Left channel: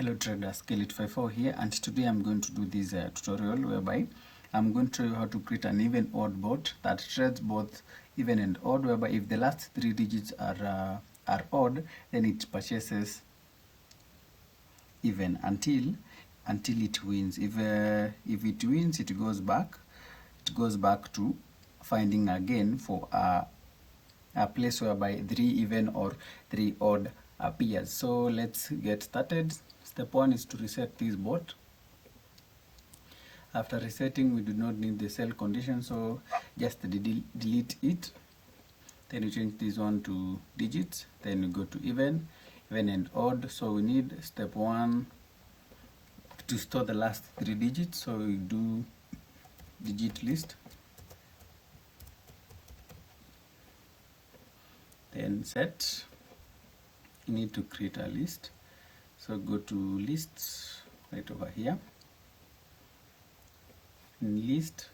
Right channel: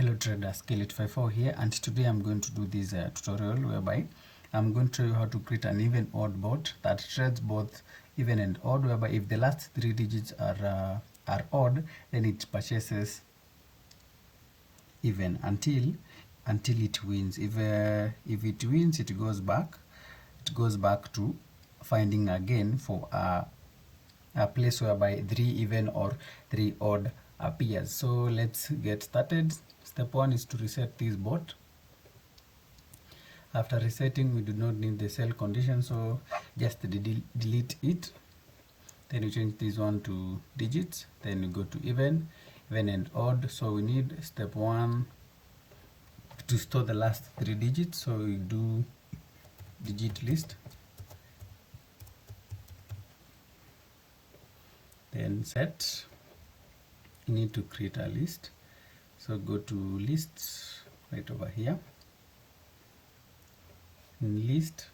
Hello trader, Scale854 here, and today I'm going to do this tutorial whereby I'm going to show you how to create an even odd bot that trades both even and odd, whereby if the last three digits are odd, then it purchases even until it wins. If it wins, it goes back to finding again for a place whereby 3 even or 3 odd appears. So let's get started. Step 1 is to reset this bot. After resetting, we do not need the sell condition, so just delete it. Then you change this one to digits, then you go to even and odd. So we need step 1 to store the last 3 digits, so we do digit list, then set. You need to create a list, so go to lists right over here. In list,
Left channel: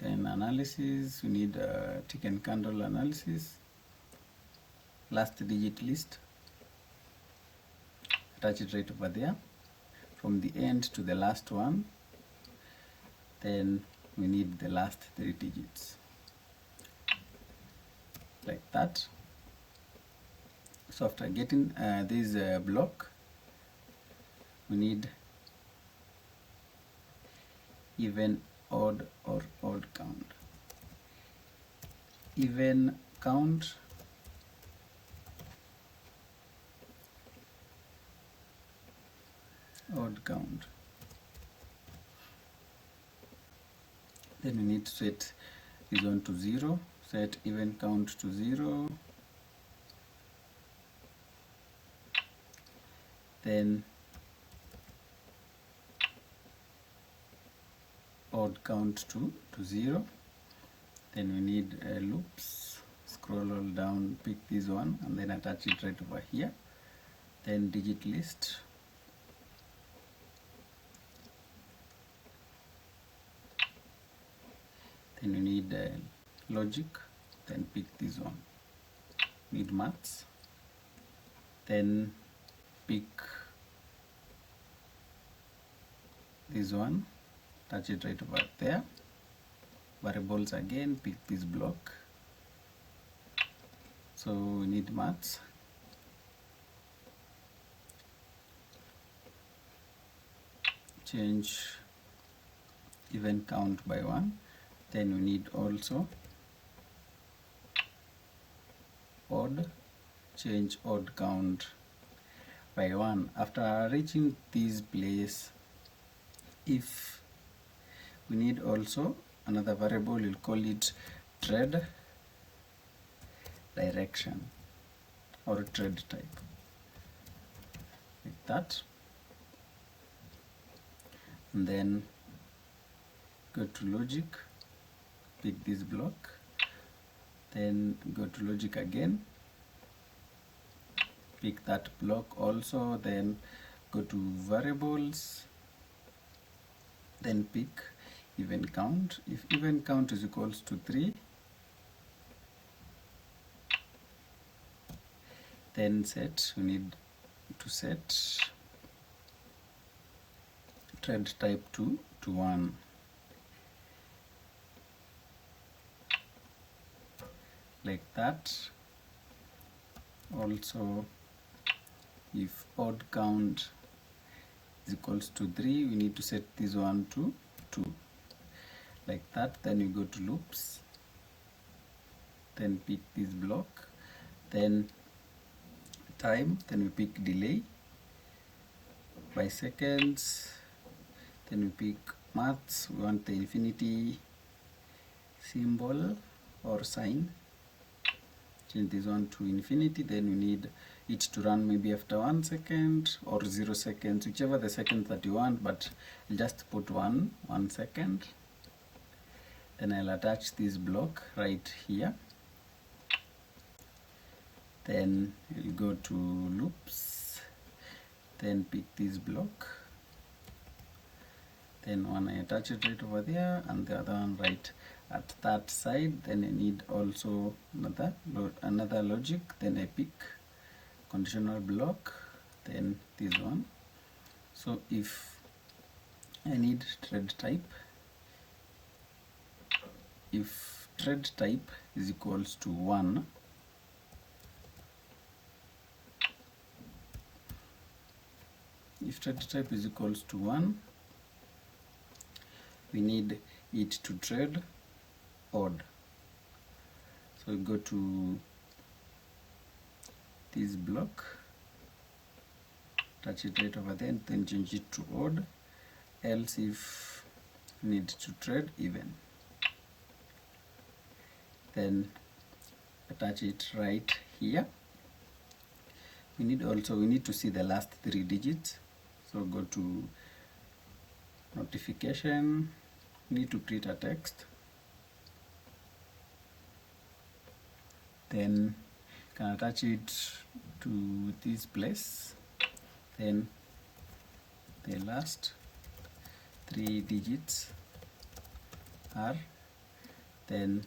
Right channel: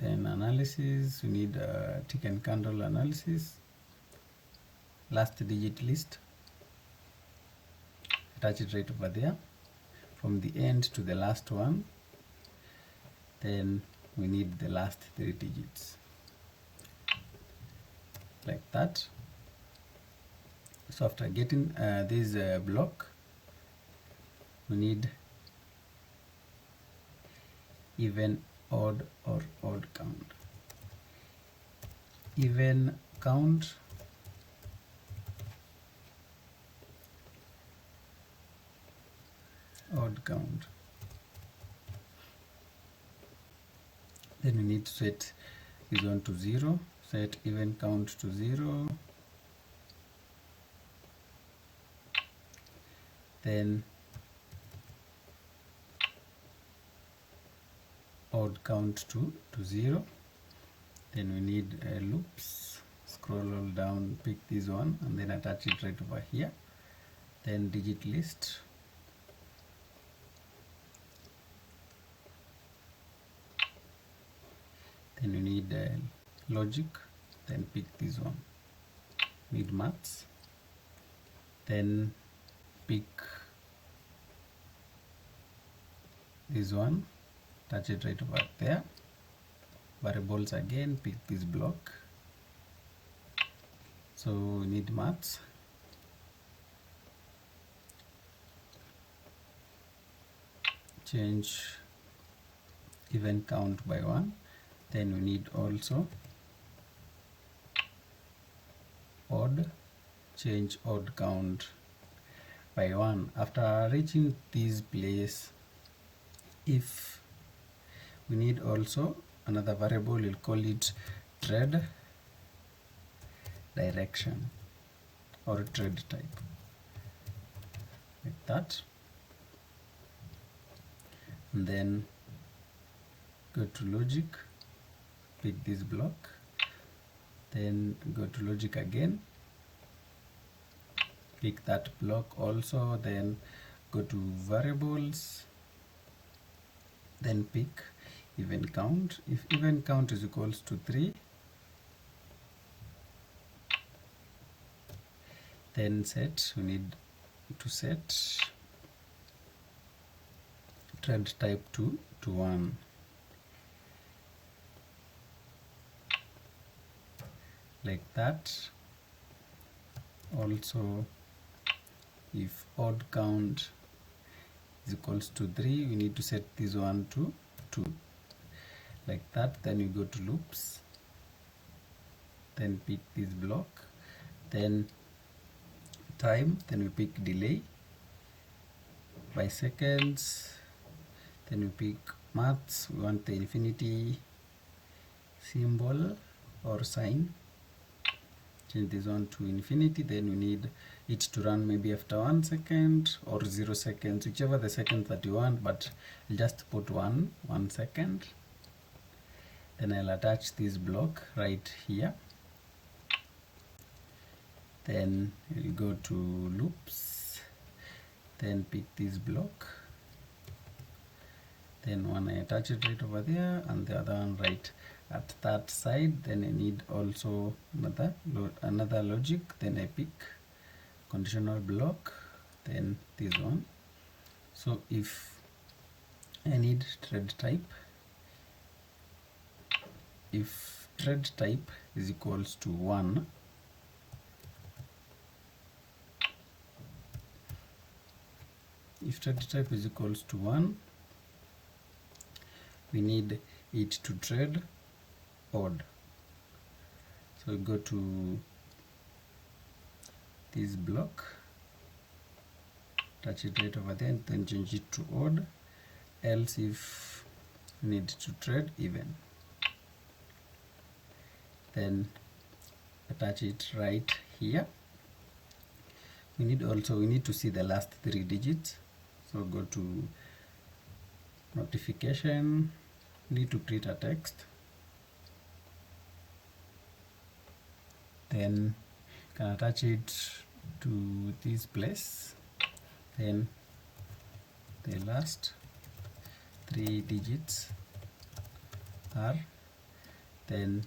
then analysis, we need tick and candle analysis, last digit list, attach it right over there from the end to the last one. Then we need the last 3 digits like that. So after getting this block, we need even, odd, or odd count. Even count, odd count. Then we need to set this one to 0, set even count to 0, then odd count to 0. Then we need loops, scroll all down, pick this one and then attach it right over here. Then digit list, then you need logic, then pick this one. Need maths, then pick this one, touch it right over there. Variables again, pick this block. So we need maths, change even count by 1. Then we need also odd, change odd count by 1. After reaching this place, if we need also another variable, we'll call it trade direction or trade type, like that. And then go to logic, pick this block, then go to logic again, pick that block also, then go to variables, then pick even count. If even count is equals to 3, then set, we need to set trade type to 1. Like that. Also, if odd count is equals to 3, we need to set this one to 2, like that. Then you go to loops, then pick this block, then time, then we pick delay by seconds, then we pick maths, we want the infinity symbol or sign, change this one to infinity. Then we need it to run maybe after 1 second or 0 seconds, whichever the seconds that you want, but I'll just put 1 second. Then I'll attach this block right here. Then we'll go to loops, then pick this block, then one I attach it right over there and the other one right at that side. Then I need also another logic, then I pick conditional block, then this one. So if I need trade type, if trade type is equals to 1, if trade type is equals to 1, we need it to trade odd. So we go to this block, touch it right over there, and then change it to odd. Else if we need to trade even, then attach it right here. We need to see the last 3 digits. So go to notification, need to create a text, then can attach it to this place, then the last 3 digits are, then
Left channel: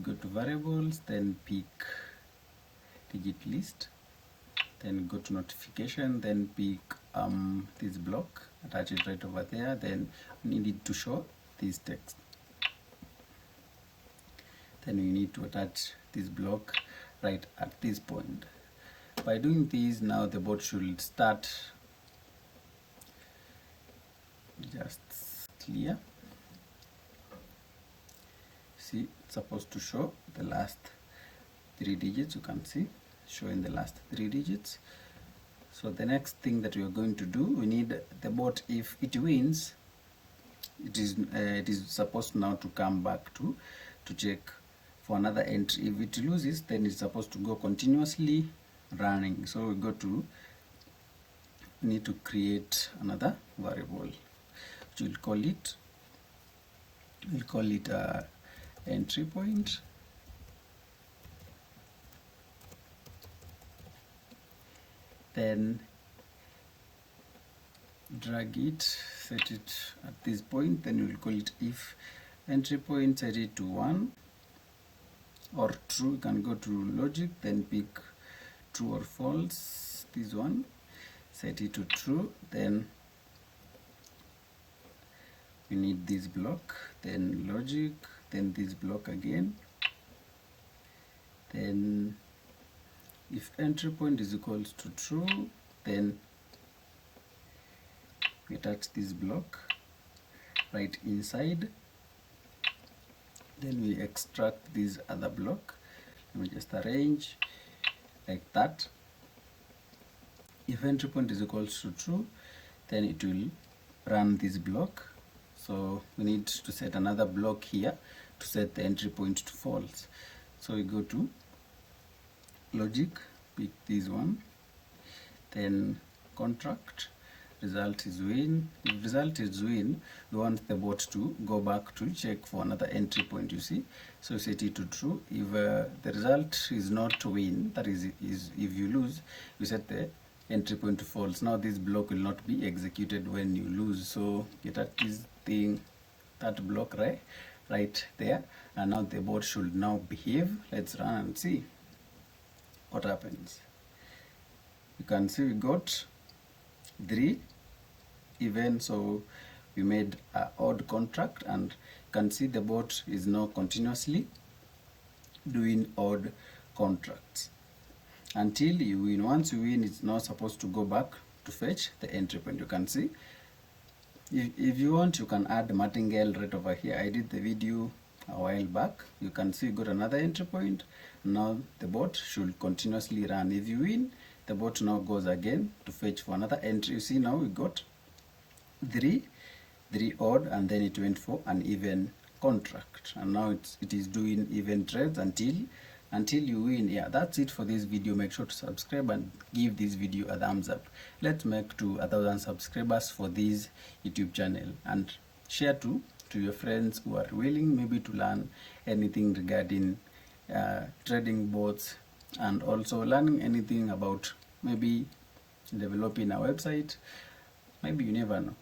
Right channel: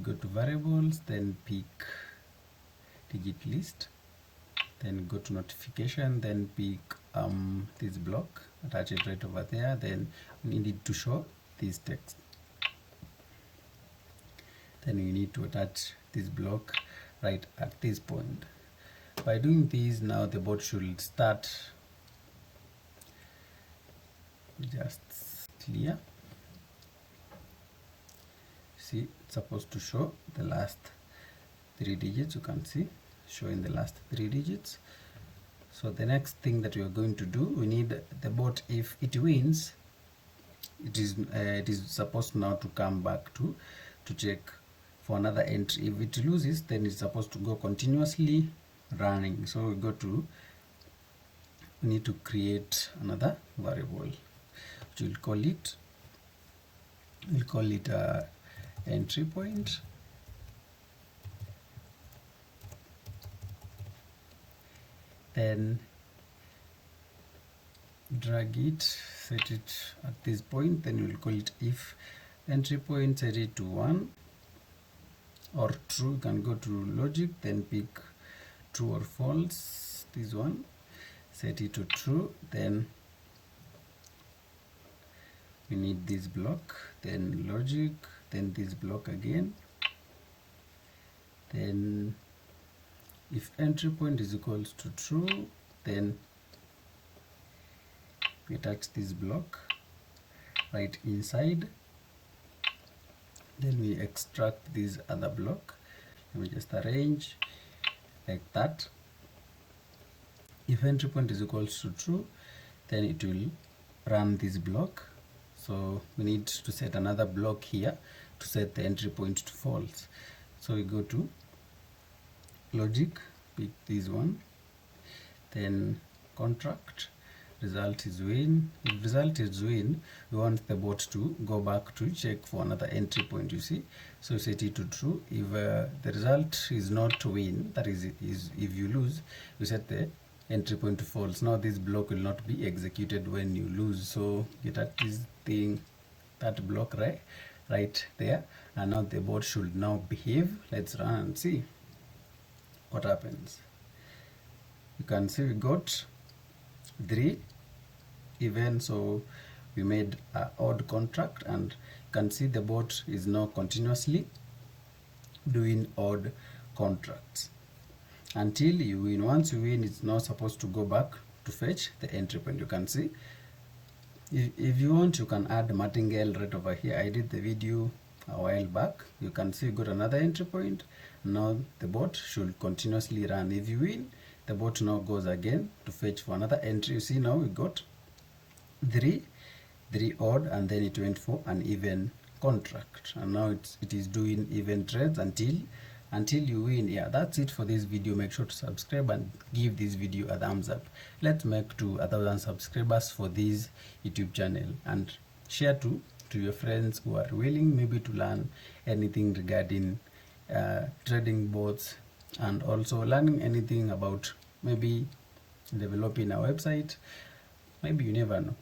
go to variables, then pick digit list, then go to notification, then pick this block, attach it right over there, then we need it to show this text. Then we need to attach this block right at this point. By doing this, now the bot should start just clear. See, it's supposed to show the last 3 digits. You can see showing the last 3 digits. So the next thing that we are going to do, we need the bot, if it wins, it is supposed now to come back to check for another entry. If it loses, then it's supposed to go continuously running. So we need to create another variable, which we'll call it entry point. Then drag it, set it at this point, then we'll call it if entry point, set it to 1 or true. You can go to logic, then pick true or false, this one, set it to true, then we need this block, then logic, then this block again, then if entry point is equals to true, then we attach this block right inside, then we extract this other block. Let me just arrange like that. If entry point is equals to true, then it will run this block. So we need to set another block here to set the entry point to false. So we go to logic, pick this one, then contract, result is win. If result is win, we want the bot to go back to check for another entry point, you see. So set it to true. If the result is not win, that is if you lose, we set the entry point to false. Now this block will not be executed when you lose. So get at this thing, that block right there, and now the bot should now behave. Let's run and see what happens. You can see we got 3 even, so we made an odd contract, and you can see the bot is now continuously doing odd contracts until you win. Once you win, it's not supposed to go back to fetch the entry point. You can see, if you want, you can add martingale right over here. I did the video a while back. You can see you got another entry point. Now the bot should continuously run. If you win, the bot now goes again to fetch for another entry. You see, now we got 3 odd, and then it went for an even contract, and now it is doing even trades until you win. Yeah, that's it for this video. Make sure to subscribe and give this video a thumbs up. Let's make to 1,000 subscribers for this YouTube channel, and share to your friends who are willing maybe to learn anything regarding trading bots, and also learning anything about maybe developing a website. Maybe, you never know.